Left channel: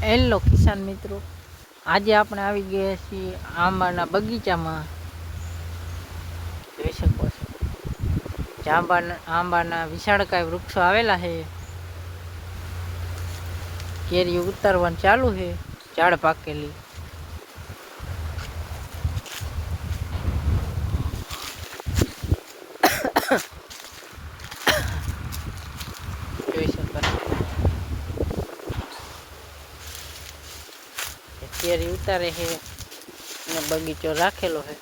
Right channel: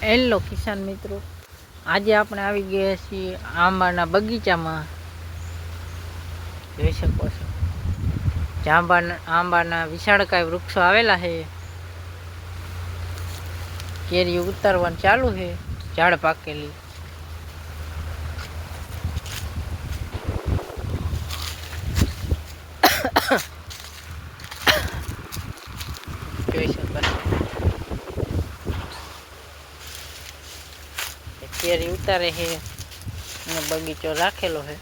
Hello કિસાન મિત્રો, આજે આપણે આવી ગયા છીએ આંબાના બગીચામાં. જોઈ શકો છો આંબાના વિશાળકાય વૃક્ષો આવેલા છે. કેરી ઉતારવાનું ચાલુ છે, ઝાડ પાકેલી. જોઈ શકો કેરી ઉતારે છે અને બગીચો રાખેલો છે.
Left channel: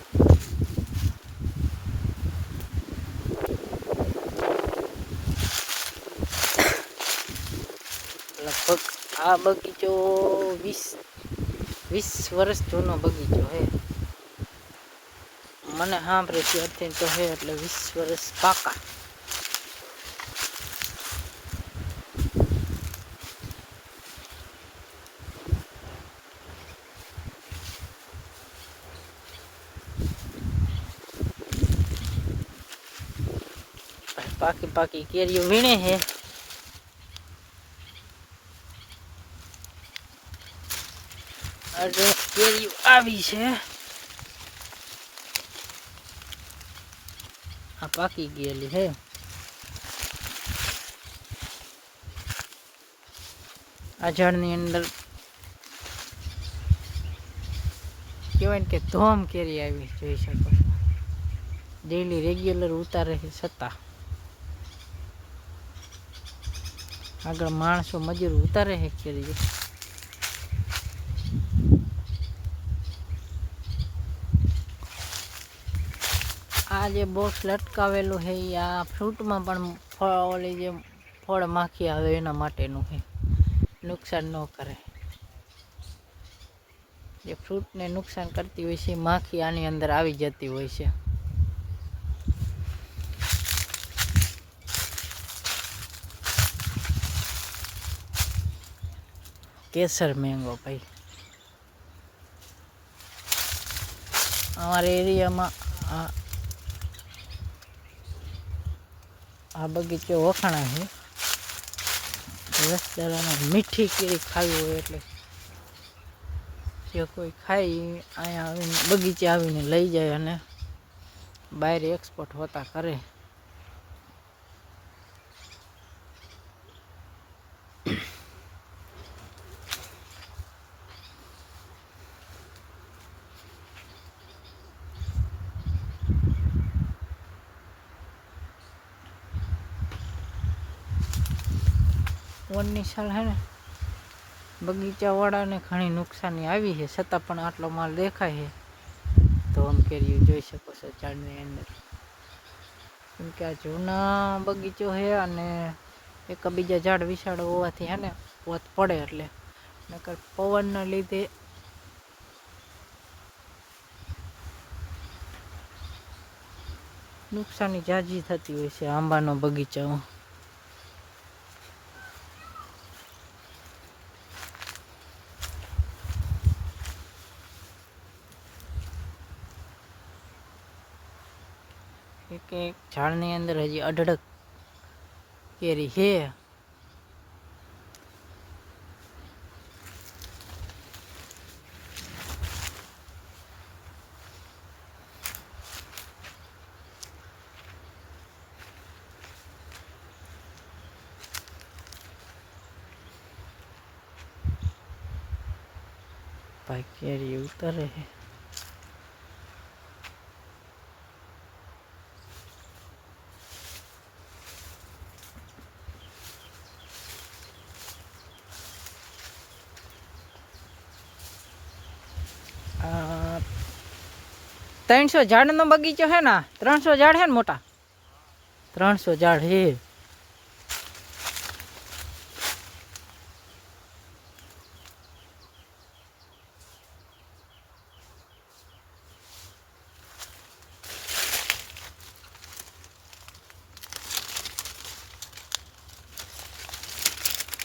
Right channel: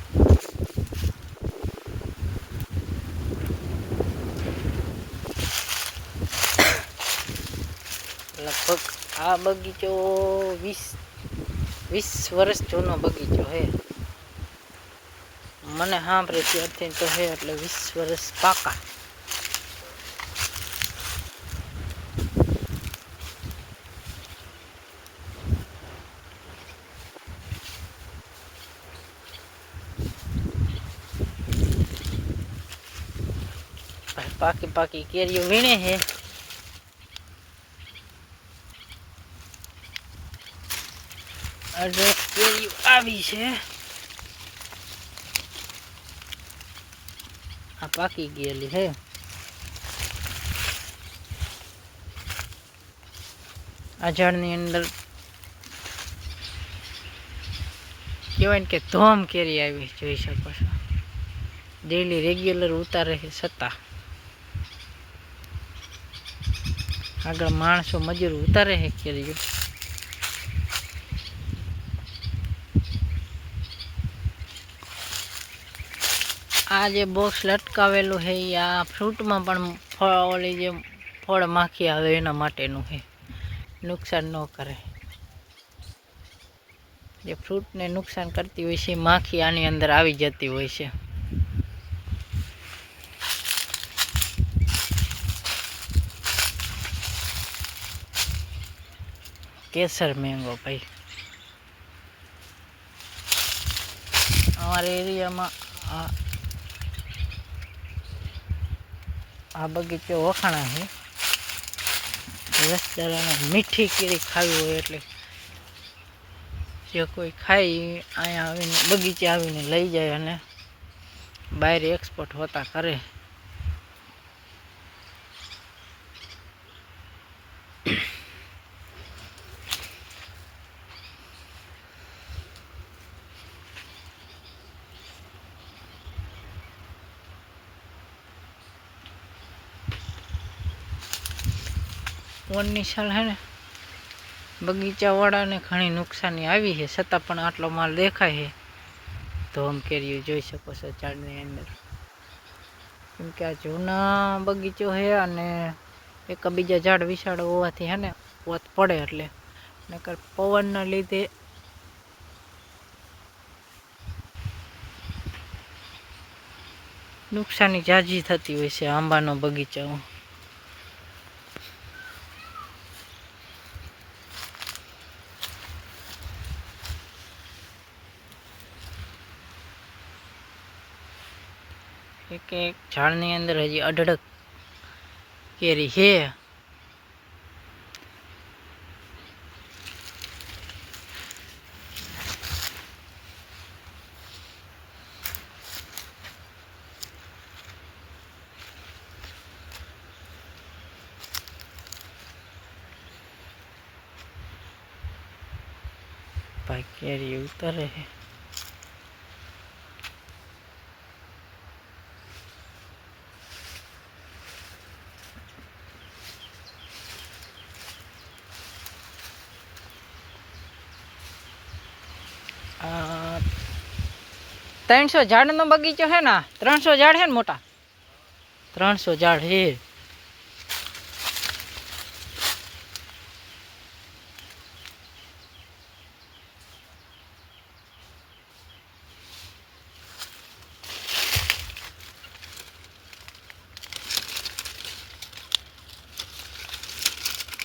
લગભગ આ બગીચો 20 વર્ષ જૂનો બગીચો છે. મને સાંભળે ત્યારથી તો છે એટલે 20 વર્ષ પાકા. પાકી કેરીઓ વીણે છે. આજે કેરીઓ આવી છે. આ પાકી ગયેલી છે. આ ઝાડની અંદર કહેવાય ને કે ધોમ કેરી આવી. જોઈ શકો છો ડેલી રેગ્યુલર ઉતારે છે. છતાં આગળ માણસો મજૂર ઉતારે છે કેરીઓ. આ જે બોક્સ લટકાવેલું છે એ આ ફ્રૂટમાં પણ ઓલી જે ફળ માખી આવે એના માટેનું છે, નુકસાન ન કરે. જે ફ્રૂટને નુકસાન કરતી હોય છે માખી આની અંદર આવી જતી હોય છે. કેસર મેંગો ભાઈ, અમારા એરિયામાં આ બગીચો વખાણા છે. રસદારાને મીઠી કેરી ખાવી હોય એટલે જે કોઈ ખાઈ અહીંયા આવીને બગીચે આવીને લઈ જાય અને બહાર એક્સપોર્ટ હોતા કરે. ઓનની સાલ હે ને બગીચાવાળાને ઘણી નુકસાની આવી છે, છતાં પણ આટલો માલ દેખાય છે. તો આમ કેરીઓ જોઈ શકો છો ઝાડની અંદર. કેમ કે આ જૂના બગીચો છે અને એકબીજા ઝાડ વિશાળ હોવાથી હે ને ઓત પડે એટલે નકર પવનના લીધે નુકસાની ઝાઝી થતી હોય છે આંબાનો બગીચામાં. એક ઝાડની અંદર હજી અઢળક કેરી છે. ભાઈ કેરી ઉતારે છે. આ 300 ઝાડનો બગીચો છે ને, 300 ઝાડ છે ને મોટા, 300 ઝાડ છે.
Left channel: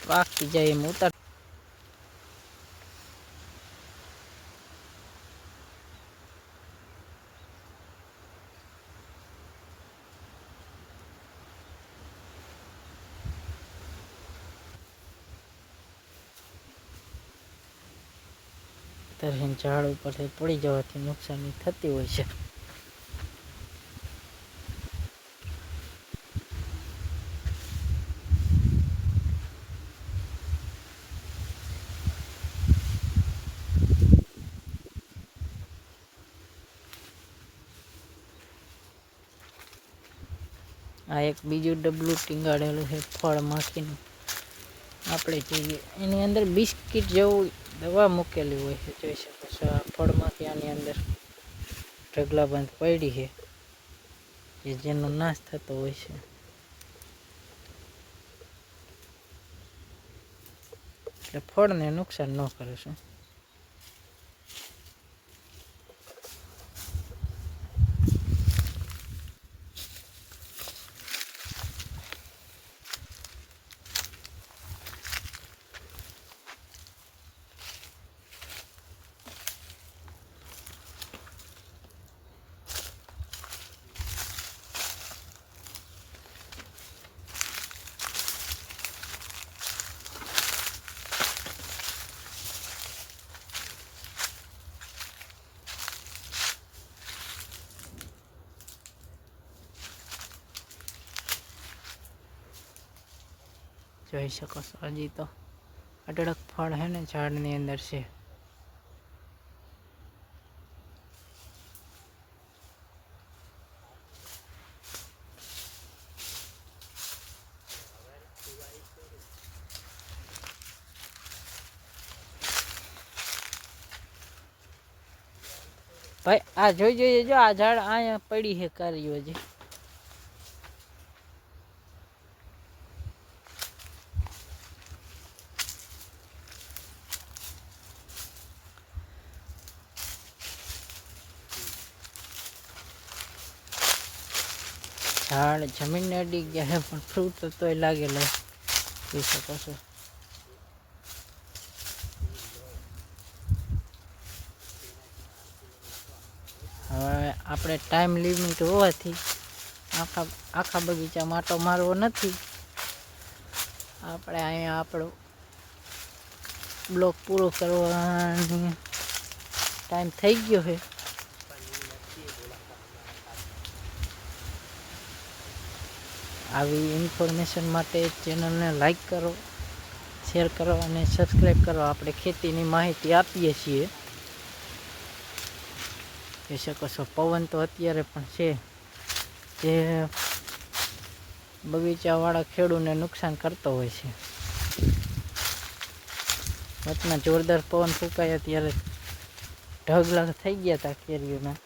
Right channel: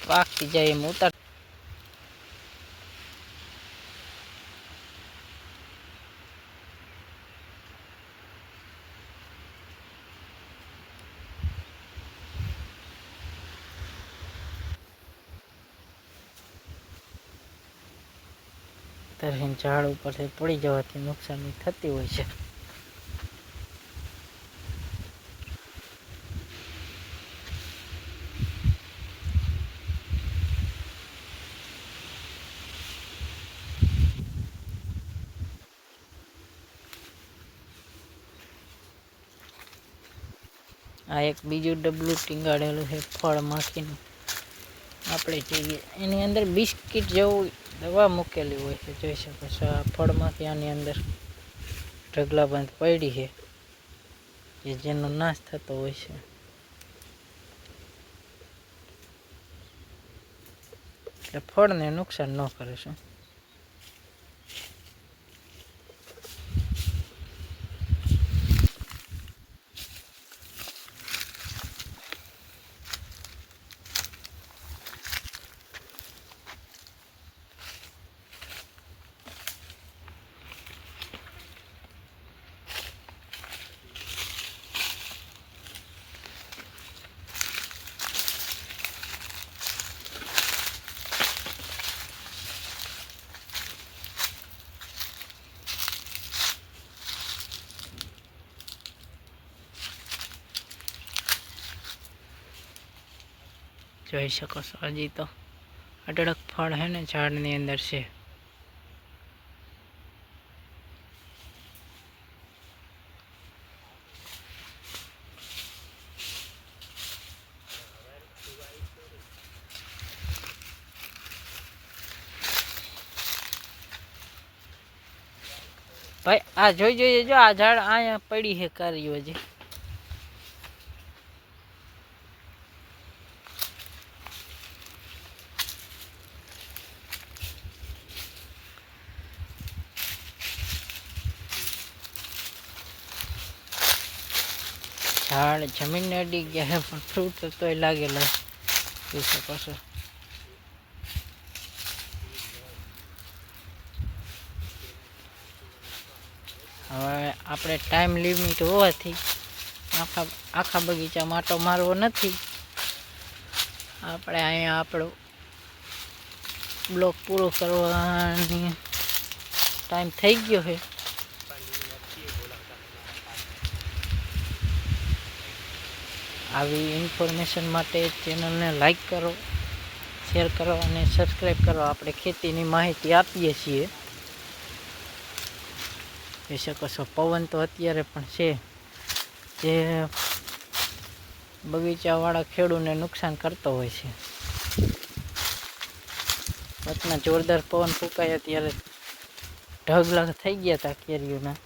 પાકતી જાય એમ ઉતાર. તરહીને ઝાડ ઉપરથી પડી જવાથી નુકસાની થતી હોય છે. આ એક બીજું ડબલું ટીંગાડેલું છે ફળ માખીનું. આપણે જોઈએ એની અંદર બિસ્કિટ જેવું દવા મૂકેલી હોય છે, જોઈ શકો છો. આ ફળ માખી આની અંદર ઢગલાબંધ પડી છે, કે જેનો નાશ થતો હોય છે. એટલે ફળને નુકસાન ન કરે છે. જોઈ શકો છો હજી તો અઢળક ફળ હે ને ઝાડની અંદર છે. ભાઈ આ જોઈ જો આ ઝાડ અહીંયા પડી છે કાર્યો હજી. ઝાડ જમીનને અડી ગયા છે પણ ફ્રૂટ તોય લાગેલો જોઈ શકો છો. હવે આપણે ટાઈમ લિમિટ હોવાથી આખા બગીચામાં માટો મારવો નથી. આપણે અહીંયા આપણો બ્લોક પૂરો કરવાની ટાઈમ થઈ ગયો છે. આવી ઇન્ફોર્મેશન માટે ચેનલને લાઈક કરો, શેર કરો અને સબસ્ક્રાઈબ કરો. આપણે ખેતીની માહિતી આપીએ છીએ. જોઈ શકો છો પવન તો અત્યારે પણ છે, જે બગીચાવાળા ખેડૂતને નુકસાન કરતો હોય છે. વચમાં જોરદાર પવન ફૂંકાયા ત્યારે ઢગલા થઈ ગયા હતા કેરીઓના.